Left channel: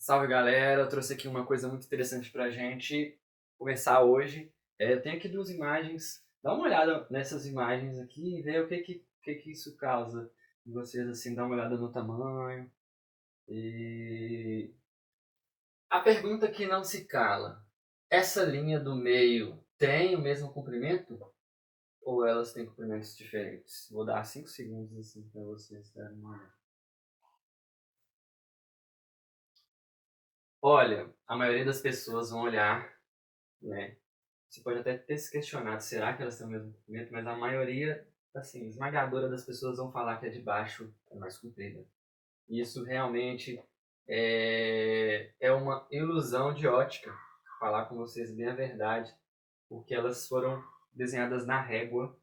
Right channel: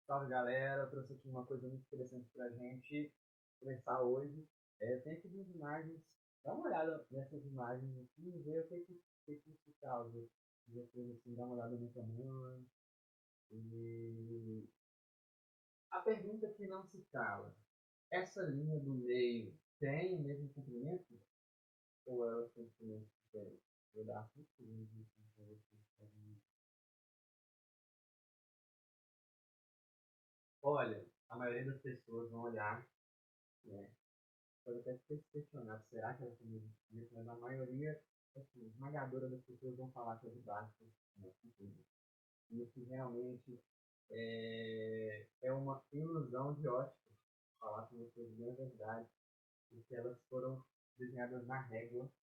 Salve galera, eu trouxe aqui uma coisa muito interessante pra gente conversar hoje. Eu tenho aqui duas imagens, dá uma olhada nessas imagens aqui e ver o que que isso causa em vocês, assim, dá uma olhada no tamanho. E a pergunta que não se cala, essa linha do meio tem o mesmo comprimento ou elas têm comprimentos diferentes? Vou dar 5 segundos assim para vocês darem uma olhada. Olha, a maioria das pessoas vão olhar, né? Você pode até ter se questionado, será que elas têm o mesmo comprimento? Mas a maioria, assim, esmagadora das pessoas vão falar que a de baixo é mais comprida. E isso realmente é uma ilusão de ótica, falar com vocês bem a verdade, porque elas foram desenhadas na régua.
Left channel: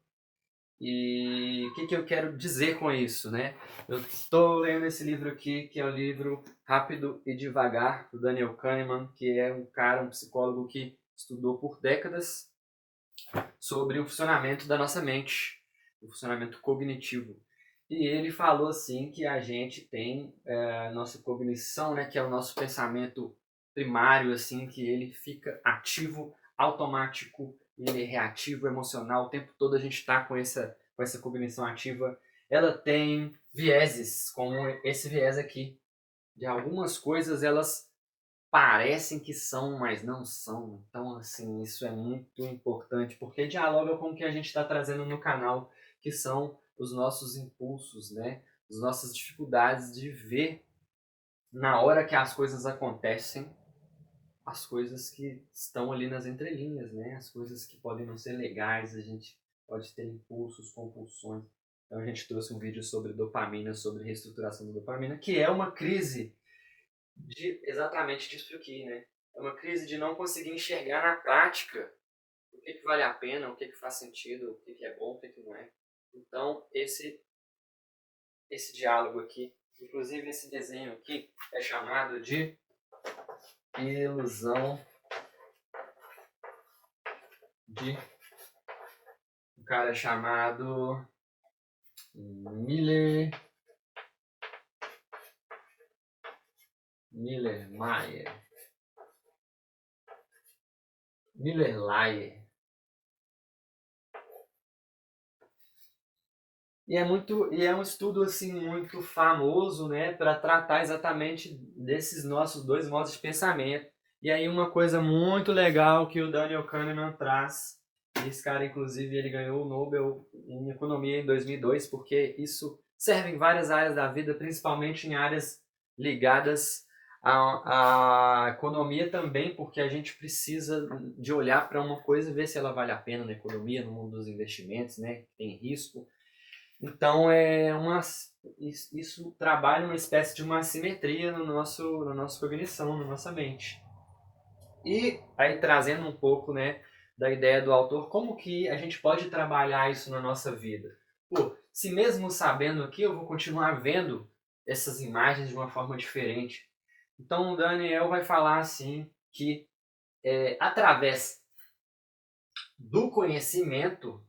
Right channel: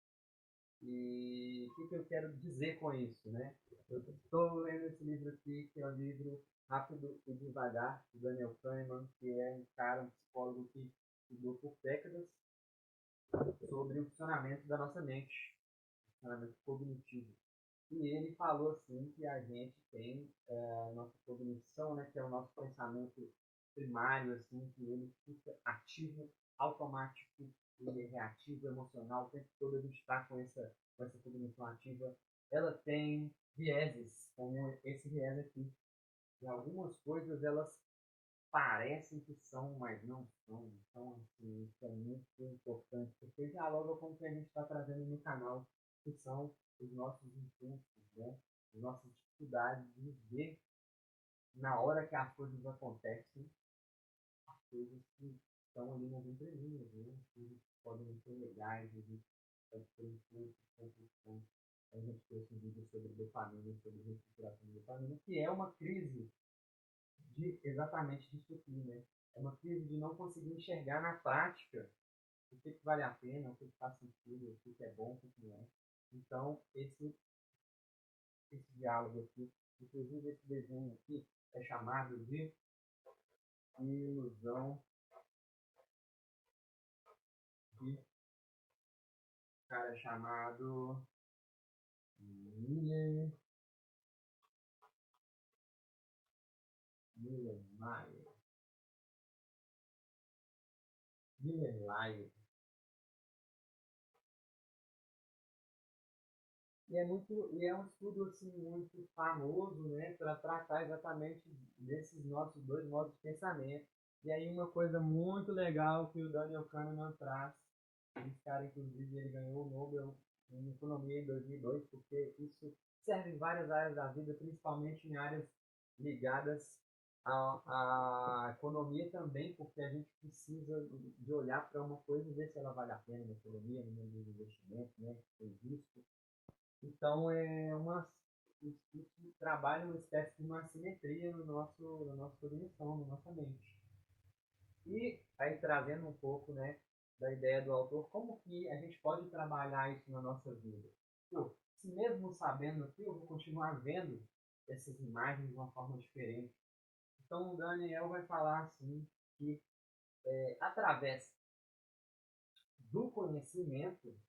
E o que eu quero dizer com isso, né? Eu estou lendo esse livro aqui, que é o livro Rápido e Devagar, do Daniel Kahneman, que é um cara, um psicólogo que estudou por décadas sobre o funcionamento da nossa mente, o funcionamento cognitivo. E ele falou assim que a gente tem a nossa cognição, né, que é o nosso pensamento primário, assim, que ele fica ativo, automático, ele é reativo, emocional, o tempo todo a gente está com essa cognição ativa. Ela tem vieses, como esse viés aqui. De algumas coisas elas parecem que são, mas não são. Então, assim, isso é muito importante, porque dialoga com o que a gente está trazendo no canal, que são os nossos impulsos, né? As nossas dificuldades de ver na hora que as coisas acontecem, as coisas que estão ali nas entrelinhas, né? As coisas que podem não ser legais, a gente pode ter impulsos, compulsões. Então a gente trouxe um vídeo sobre dopamina, sobre reestruturação da dopamina, que é uma crise exatamente disso aqui, né? É uma crise de não conseguir enxergar na prática o que vale a pena, o que faz sentido, o que é bom, o que não é. Então, esse diálogo aqui, inclusive esse desenho aqui, é chamado de ilusão de um cara chamado Miller, Miller Mayer, Miller Lyer. E é um estudo assim muito famoso, né, para tratar exatamente desses nossos dois modos de pensamento. E aí uma coisa muito legal que o Daniel Kahneman traz, e esse cara inclusive ele ganhou o Nobel em economia em 2002, porque isso serve em várias áreas da vida, principalmente em áreas ligadas à economia também, porque a gente precisa de olhar para uma coisa e ver se ela vale a pena na economia, no mundo dos investimentos, né, tem risco. Então isso trabalha uma espécie de uma assimetria no na nossa cognição, na nossa mente. E aí trazendo um pouco, né, da ideia do autor, como que a gente pode trabalhar isso na nossa vida? Pô, se mesmo sabendo aqui, eu vou continuar vendo essas imagens de uma forma diferente. Então o Daniel vai falar assim que através do conhecimento,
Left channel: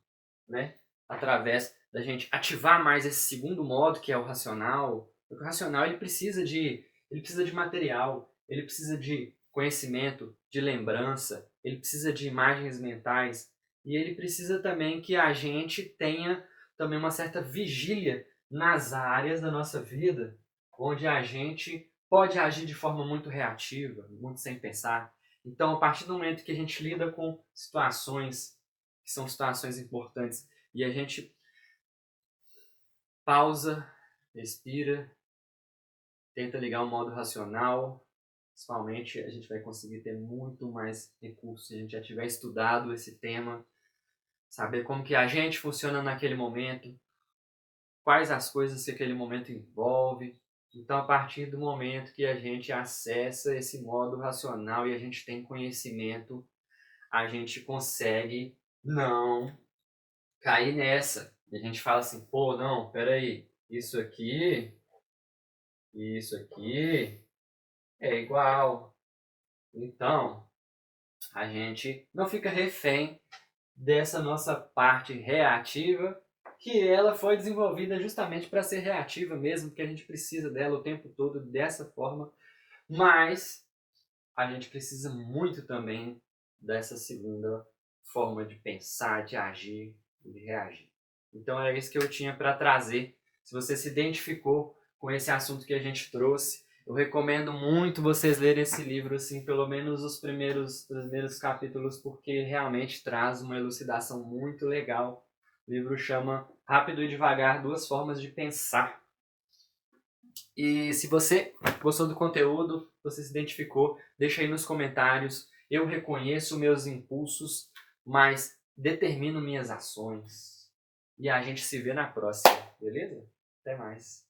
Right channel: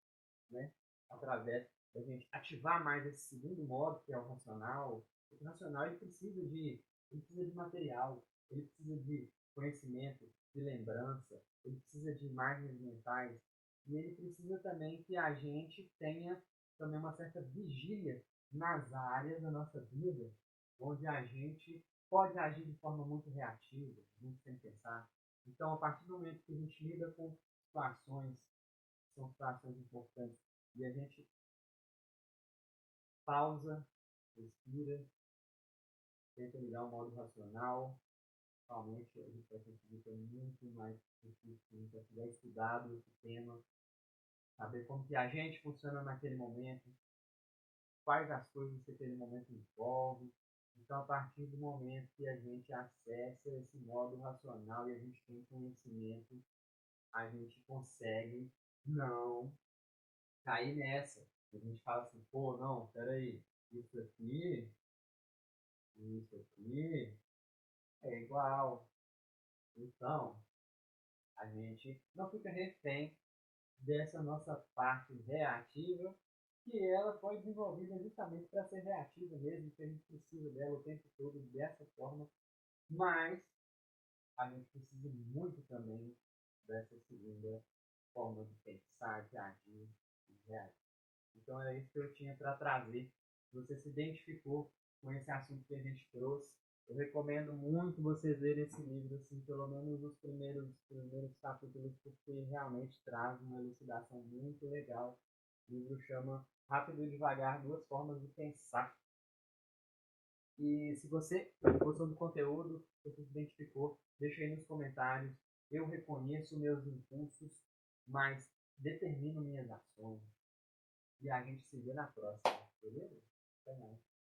né, através da gente ativar mais esse segundo modo, que é o racional. O racional ele precisa de material, ele precisa de conhecimento, de lembrança, ele precisa de imagens mentais e ele precisa também que a gente tenha também uma certa vigília nas áreas da nossa vida onde a gente pode agir de forma muito reativa, muito sem pensar. Então, a partir do momento que a gente lida com situações que são situações importantes e a gente pausa, respira, tenta ligar o modo racional, principalmente a gente vai conseguir ter muito mais recursos se a gente já tiver estudado esse tema, saber como que a gente funciona naquele momento, quais as coisas que aquele momento envolve. Então, a partir do momento que a gente acessa esse modo racional e a gente tem conhecimento, a gente consegue não cair nessa. E a gente fala assim, pô, não, peraí, isso aqui é igual. Então, a gente não fica refém dessa nossa parte reativa, que ela foi desenvolvida justamente para ser reativa mesmo, porque a gente precisa dela o tempo todo dessa forma, Mas a gente precisa muito também dessa segunda forma de pensar, de agir, de reagir. Então é isso que eu tinha para trazer. Se você se identificou com esse assunto que a gente trouxe, eu recomendo muito vocês lerem esse livro, assim, pelo menos os primeiros capítulos, porque realmente traz uma elucidação muito legal. O livro chama Rápido e Devagar, Duas Formas de Pensar. E se você gostou do conteúdo, você se identificou, deixa aí nos comentários. Eu reconheço meus impulsos, mas determino minhas ações. E a gente se vê na próxima, beleza? Até mais.